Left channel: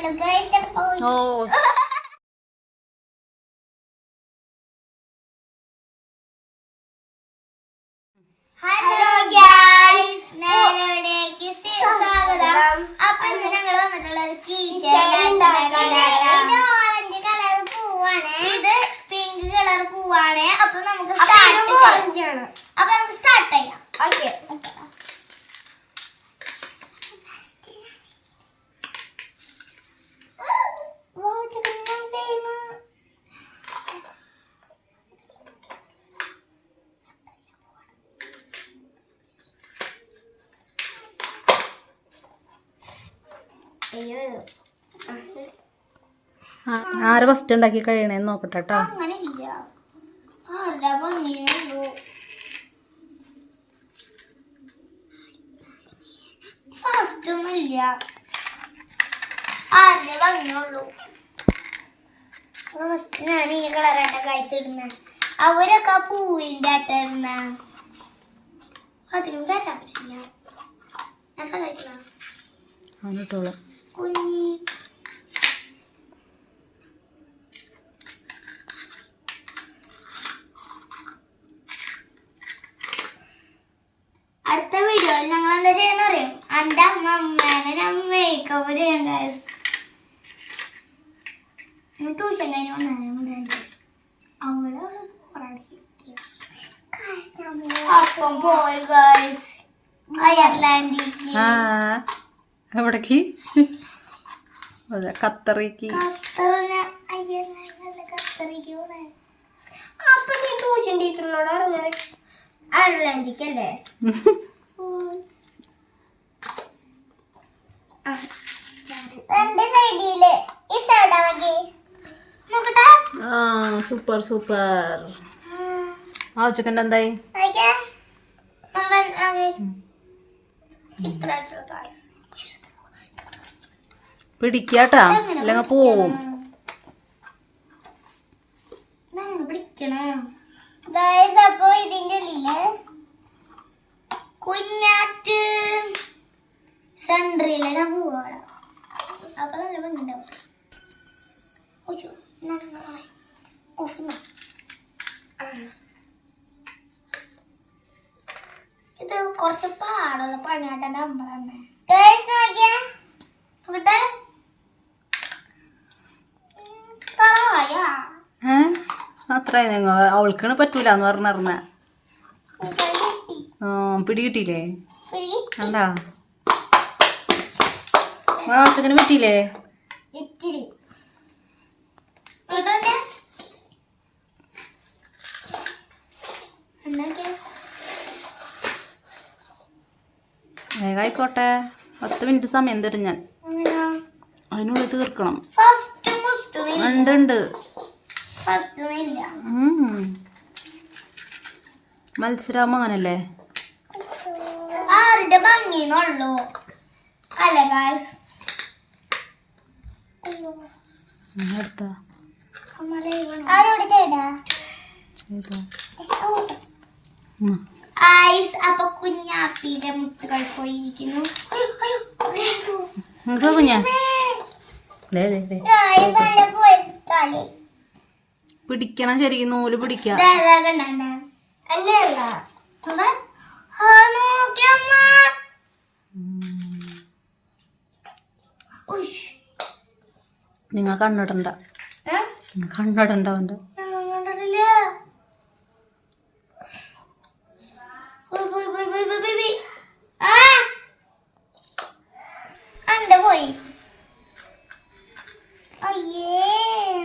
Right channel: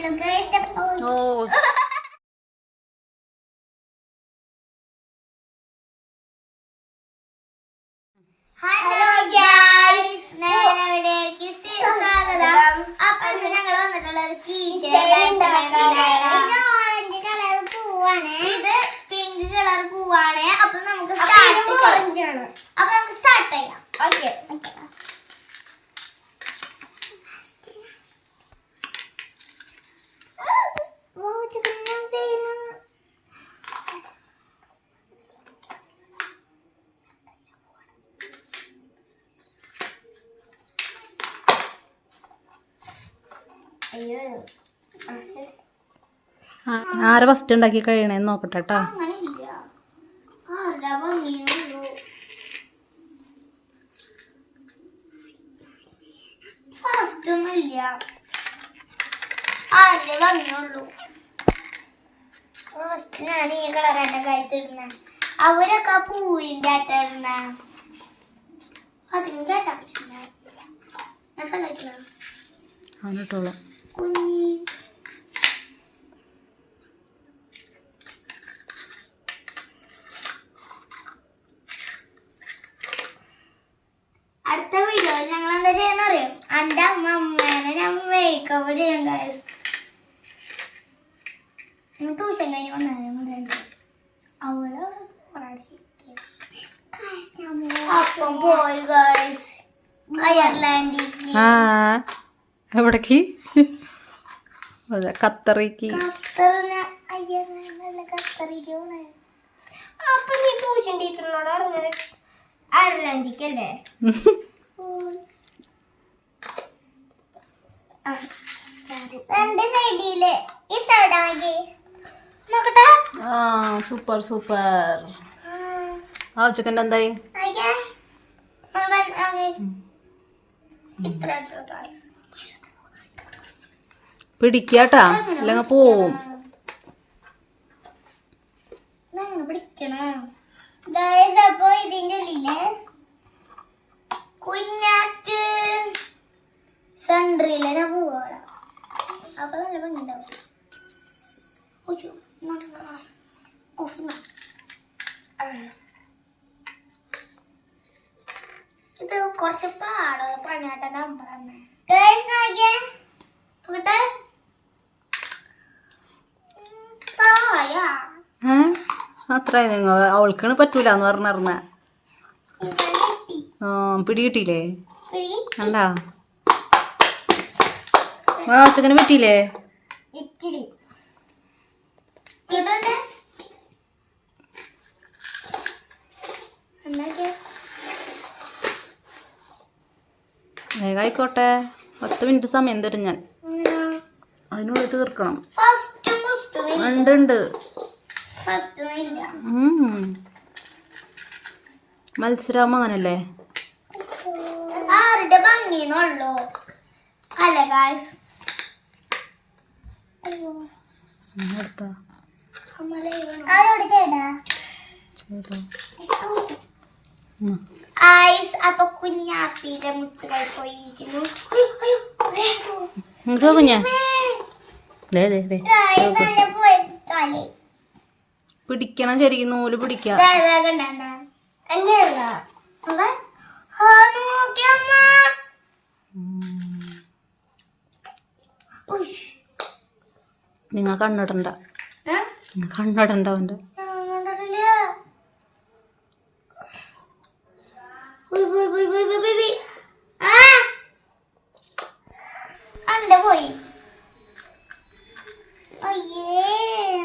Hello സ്വാഗതം അപ്പൊ ഇന്ന് ഞങ്ങൾ വന്നിട്ടുള്ളത് Keychain ഉണ്ടാക്കാനാണ്. ഇത് ഓറഞ്ച് കളർ പൂവാണ്. ഇത് പിങ്ക് കളർ പൂവാണ്. അപ്പൊ നമുക്ക് സ്റ്റാർട്ട്. അപ്പൊ നമുക്ക് സ്റ്റാർട്ട് ചെയ്യാം. Okay. Okay. Wow, chicken ചെയ്യുന്നു അയ്യോ. ആ- ആരെ ഫസ്റ്റ് ഉണ്ടാക്കി കഴിയണേന്ന് നോക്കട്ടെ കേട്ടോ ഇല്ല ആരുടെ ഭംഗിയുള്ളൂ ഫസ്റ്റ് ഈ കളറാണ് കഴിച്ചിടുന്ന അവരൊക്കെ പൂവിന്റെ ആട്ട ഇടുന്ന. അധികം കേട്ടാ ഞാൻ കുഞ്ഞി. അടുത്ത വീഡിയോയിൽ ഞങ്ങൾ എന്താ ചെയ്യാൻ അറിയാം എന്റെ അമ്മ അമ്മേനെ ഞാൻ മേക്കപ്പ് ചെയ്യാൻ കാര്യം ട്യൂഷൻ കഴിഞ്ഞ് വന്നു അവൾ അപ്പം പോയി ഗൈസ് അയർലാൻഡിലേക്ക് ആ എവിടേക്ക്? അതെ ഖത്തറിക്ക്. അപ്പൊ നീ ട്യൂഷൻ ടീച്ചറിനോട് പറഞ്ഞത് അയർലാൻഡിക്കല്ലേ രണ്ട് സൈഡിൽ ഈ സൈഡാകെ ആ സൂപ്പർ സൂപ്പർ. ആ ഉച്ചക്കണ്ട എന്തായി? പിടിക്കാട്ടാ അല്ലെങ്കിൽ പോവും. അത്രയായി നിങ്ങൾ അവൾക്കാണ് പറ്റൂല എന്ന് പറഞ്ഞറിഞ്ഞ പിടികിട്ടില്ലേ കണ്ടാ? ഉച്ചക്കന് പറ്റിയില്ലേ? വേഗമായിക്കോട്ടെ പത്ത് മിനിറ്റ് സമയം തരും ഞാൻ. അതിനുള്ളിൽ തീർക്കണം. ഉണ്ട് ഉണ്ട്. മത്സരം അങ്ങനല്ലേ? ആരുടെ ഭംഗിന്നുള്ളൂ. അല്ല ഗായ്സ് എടുത്താ. ഐസ് അപ്പൊ കുഞ്ഞാപ്പിയുടെ മുത്തുകൾ പോയിരിക്കുന്നു. കുഞ്ഞാ ദേ ദേ ദേ Guys, എന്റെ പോയി കളി പിടിക്കണം ശരിക്കും നൂൽ പിടിക്കാം നിങ്ങ നിങ്ങൾ കണ്ണിടണ്ട? നിങ്ങൾ കണ്ണിടണ്ട അവന്റെ ഞാൻ കണ്ടിട്ടില്ല. ഉയ്, ഉയ്, ഉയ്, ഉയ്, ഉയ്, ഉയ്, ഉയ്. ആ. അന്റെ പോയി അയ്യേ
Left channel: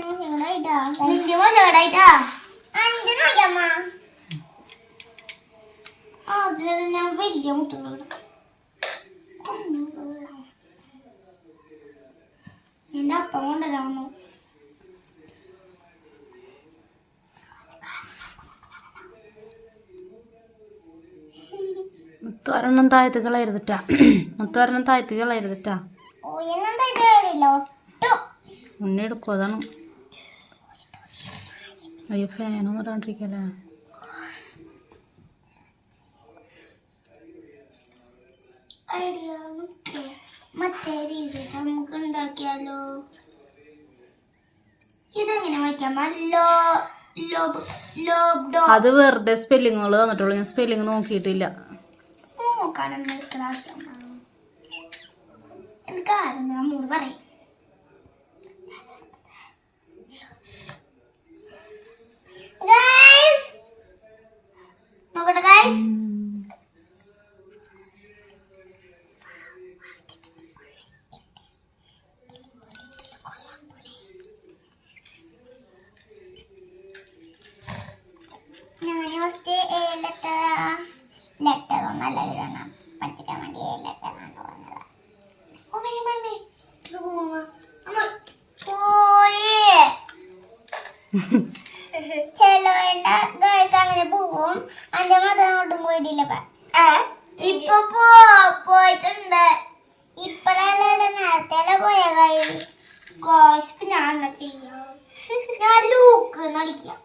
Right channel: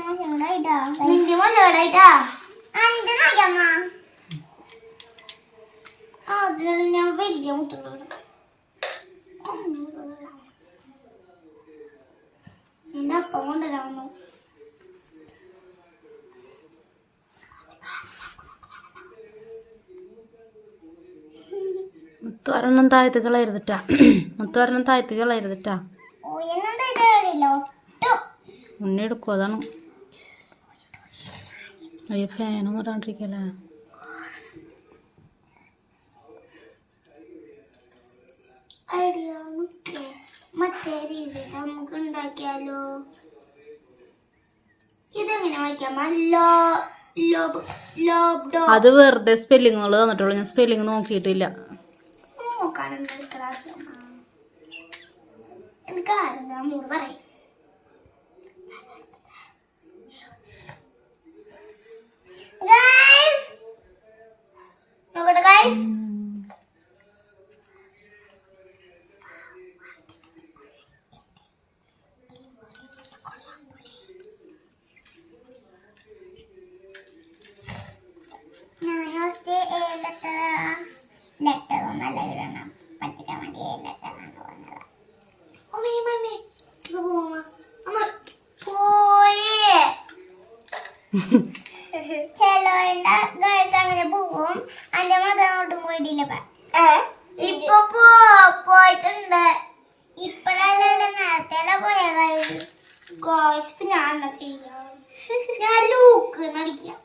മോശമായിട്ടാ നിന്റെ മോശമായിട്ടാ അന്റെ നോക്കിയമ്മ അത് ഞാൻ വലിയ എന്നാ കൊണ്ടുവരാമോ മുത്തുവരണം താഴ്ത്ത് കളയരുതിട്ടാ മുത്തുവരണം താഴ്ത്ത് കളയരുതിട്ടാ ഉണ്ണി എടുക്കും അതാണ്. അയ്യോ ഫാനൊന്നും ഇടാണ്ടിരിക്കല്ലേ? അത് വെറുതെ സ്പെല്ലിങ്ങുകൾ തന്നിട്ടുള്ളൂ. ഞാൻ സ്പെല്ലിങ് നോക്കിയിട്ടില്ല. നോക്കട്ടെ ഗൈസ് ഞാൻ ഫസ്റ്റ് എ ലെറ്റർ ലെറ്റർ ഒന്നല്ല വിടണം പറ്റിക്കാൻ വേണ്ടി എ ലെറ്ററാണ് വന്നത് അമ്മേ മമ്മി ഇത് പോവാ. അമ്മ പോയി ചെലോന്റെ ഗേൾസ് അങ്ങനെ പോവും. അന്റെ മതം അങ്ങോട്ടും പോയിട്ടില്ല ഇപ്പൊ. പോയിട്ടുണ്ട്. ഇപ്പഴല്ലല്ലോ നേരത്തെ പോയ ഗോസ് ഞാൻ ചെയ്യാം? ഞാൻ ലൂക്ക് നടിക്കാം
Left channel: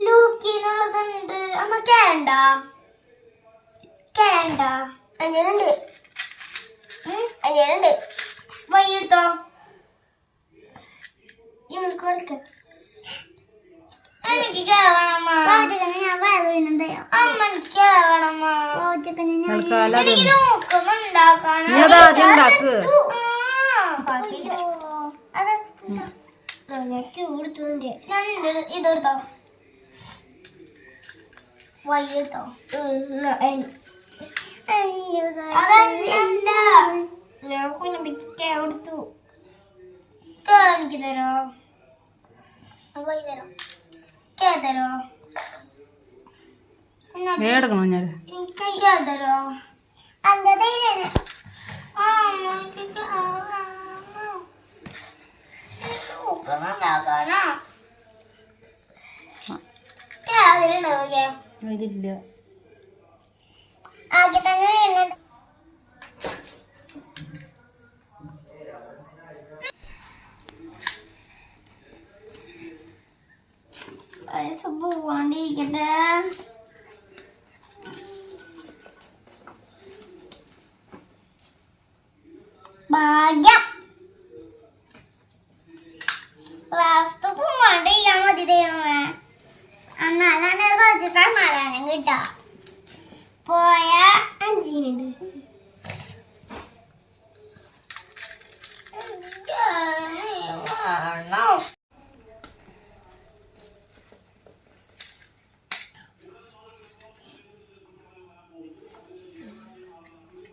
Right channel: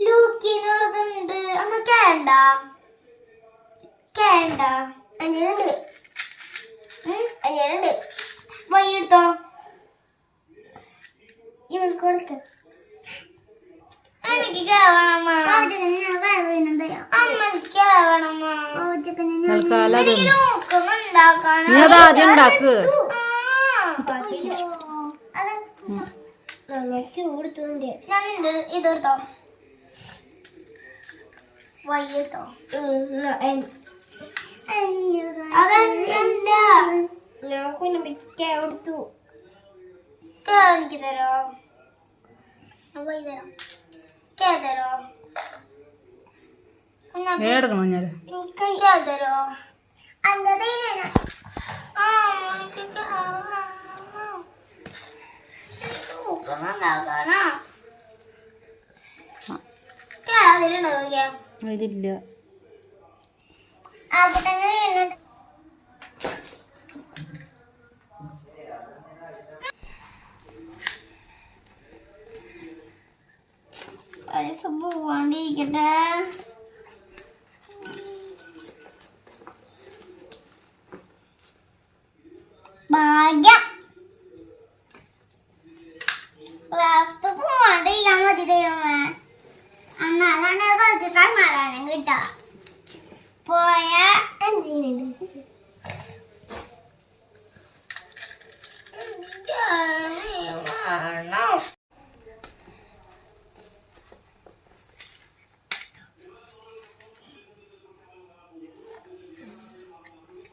ലൂക്കിനുള്ളതുണ്ട് അമ്മ കേണ്ട കേണ്ട അങ്ങനെയുണ്ട് അങ്ങനെയുണ്ട് വൈകിട്ടോ ഇവൾക്ക് കൊടുക്ക. തൽക്കാലം അത് ആദ്യം ഉണ്ടാക്ക്. ഇതെടുത്തോ. വയ്യെടുത്തോ. അതല്ല ഞാൻ കുഞ്ഞിക്ക് കൊടുത്തു. കേ എനിക്ക് തരോ. വൈ തരോ കേ എടുക്കണോ ഞാൻ? കേ തരോ അന്റെ തൈരാണ് ആ എനിക്ക് നോക്കണുണ്ടാക്കാനാ കേ അതിലുണ്ടാവുക അതിലില്ല ആകെ തന്നെ പോവാണ്ടിരിക്കട്ടെ. ഭാഗ്യം. ലാസ്റ്റ് പോവാണ്ടിരിക്കാൻ മതി ദൈവമേ. എന്നാലാണ് കുറച്ച് സമാധാനം കിട്ടുക പോയ അഞ്ചിനുണ്ട്.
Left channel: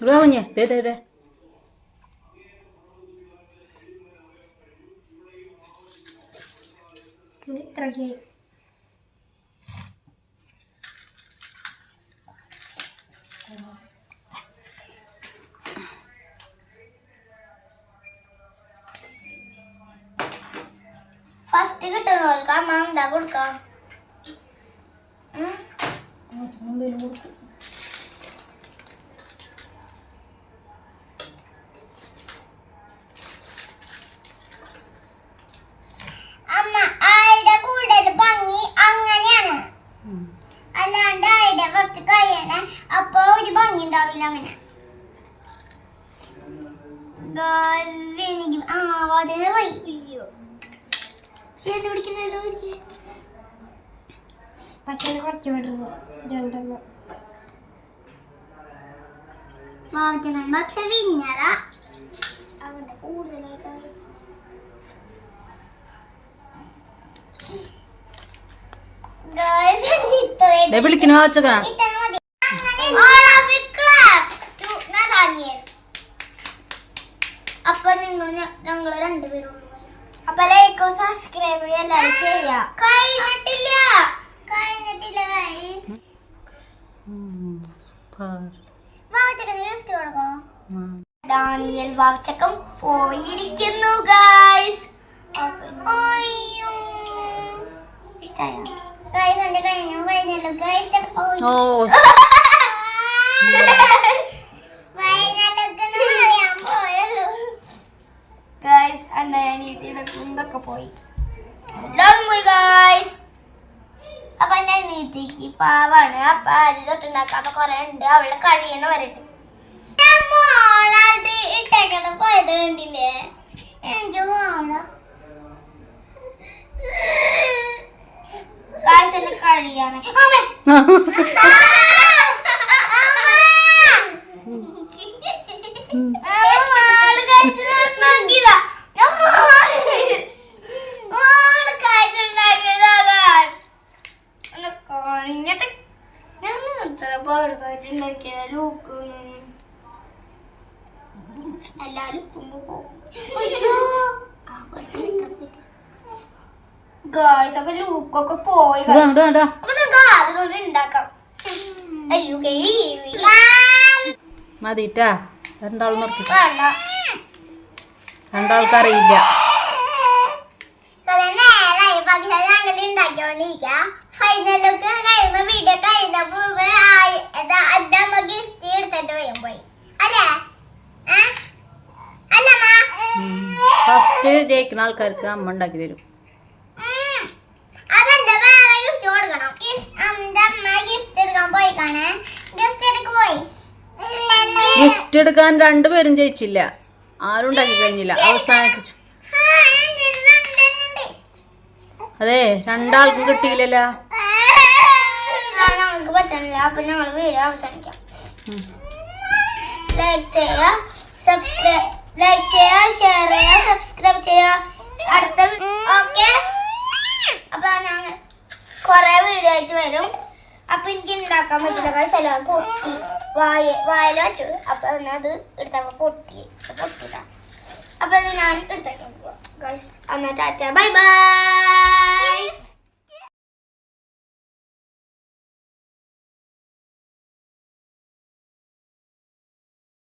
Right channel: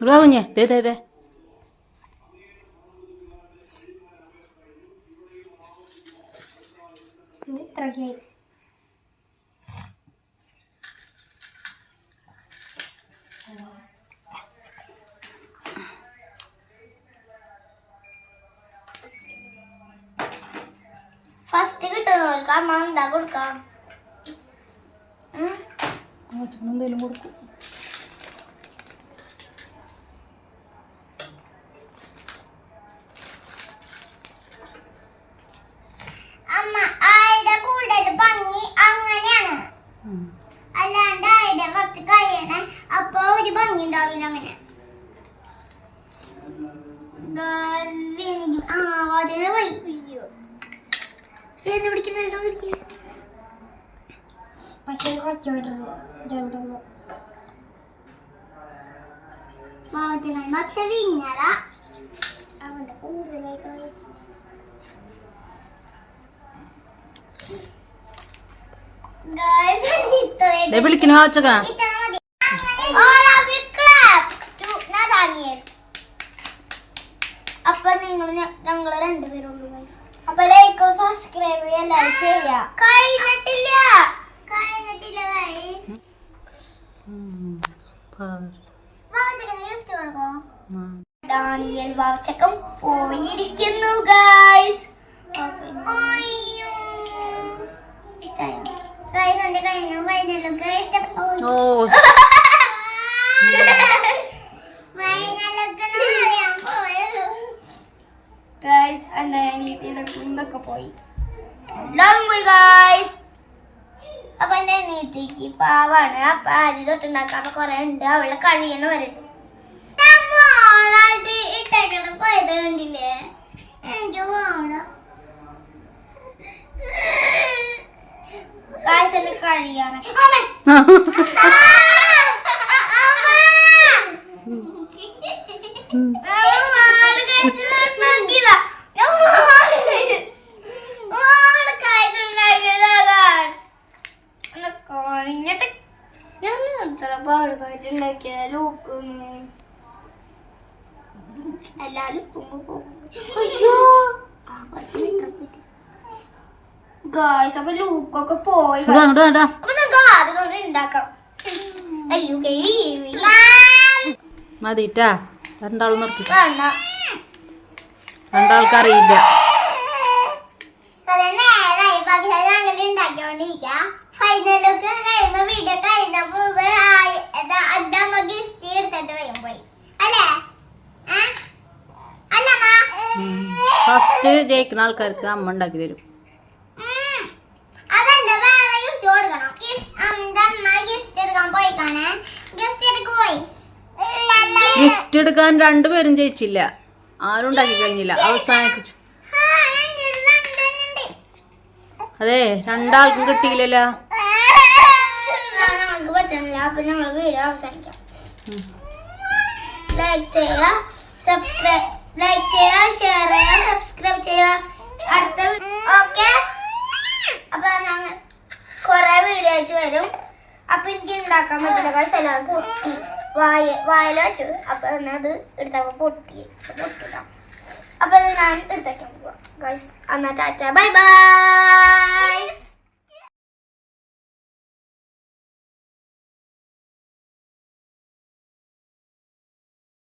ഇവിടെ കുഞ്ഞേ ദേ ദേ ദേ ഫസ്റ്റ് എന്താ കൊടുക്കാം ഉം? എന്തെങ്കിലും കൊടുക്കും അമ്മ ആയുടെ കൂടുതൽ ഭംഗി അങ്ങനെയാണ് അല്ലാണ്ട് ആയുടെ ഫസ്റ്റ് കഴിയണ അപ്പൊ ഒരു ഭംഗി ഉണ്ടാവില്ല അങ്ങനെ Guys, എനിക്ക് ആ വാതിൽ പോയി അയ്യോ എന്നെ പിടിക്കുന്നല്ലോ പക്ഷെ കുറച്ച് വാവച്ചനെ പക്ഷെ അവന്റെ വിളിക്കണ. അപ്പൊ നിങ്ങൾ ഞങ്ങൾ രണ്ടുപേരുള്ളൂ. അപ്പൊ ലൈക്കും സബ്സ്ക്രൈബ് ചെയ്യാം ലൈക്ക് ചെയ്യാം. കഴിഞ്ഞിട്ടില്ല. കഴിഞ്ഞിട്ടില്ല ഗിഫ്റ്റ് കൊടുക്കണം ഡാനിയൽ വാവച്ചക്കം പോയിരിക്കുന്നു ഗൈസ് ഇഷ്ടായോ? ഗൈസ് എന്റെ കഴിഞ്ഞു? കഴിഞ്ഞല്ലോ ഗൈസ് ഓ. പോയി. എല്ലാവരും പോയി ഗൈസ് അപ്പൊ എന്റെ അനിയത്തേക്ക് പാവാണ്. അപ്പൊ ആദ്യം അപ്പൊ കൊറേ ഉണ്ട്. അവളെ കഴിയണ വരട്ടെ. ഇട്ടേക്കണം പോയത് കണ്ടില്ലേ? എനിക്ക് ഗൈസ് എന്റെ കഴിയാണ്. എല്ലാരും ഗായ്സ് അപ്പൊ ലൂക്കൊക്കെ പോയി ഇടാ ഇടാ ഇടാ അപ്പൊ നമുക്ക് ആദ്യം കൊണ്ട് ഉണ്ടാക്കാം അയ്യോ കൈ മതിട്ടാ രണ്ടാളും നിർത്തി. രണ്ടാൾക്ക് അറിയില്ല ഫൈനലൊക്കെ കഴിയുമ്പോ വീഡിയോ കഴിയുന്ന ഫസ്റ്റ് ജയിക്കുന്ന ആൾക്കാർക്ക് അമ്മ ഉണ്ടാക്കി തരും. ഗിഫ്റ്റ് എടുക്കാൻ രണ്ടുപേരും ജയിച്ചില്ല. ആരും ഉണ്ടാക്കി കഴിഞ്ഞില്ല. അവസാനിപ്പിച്ചു. അതെ രണ്ടാൾക്കും കിട്ടിയില്ലല്ലോ. അപ്പൊ നമ്മൾ വീഡിയോ അവസാനിക്കാം. ലൈക്ക് ചെയ്യുക സബ്സ്ക്രൈബ് ലൈക്ക് ചെയ്യുക ഷെയർ ചെയ്യുക സബ്സ്ക്രൈബ് ചെയ്യുക. അടുത്ത ഓക്കെ അപ്പൊ ഞങ്ങൾ കുറേ വീഡിയോ ആയിട്ട് വരും. അപ്പൊ എനിക്ക് ഉണ്ടാക്കാൻ പറ്റില്ല. കാശ് എല്ലാവരും പൊട്ടി. വായ വായല വെച്ചു. അപ്പൊ അത് എടുത്തപ്പോ പൊട്ടി. പൊട്ടില്ല അപ്പൊ ഞാൻ എടുത്തേക്കാൻ പോവാം. ഗൈസ് എന്നാ ടാറ്റ. Bye bye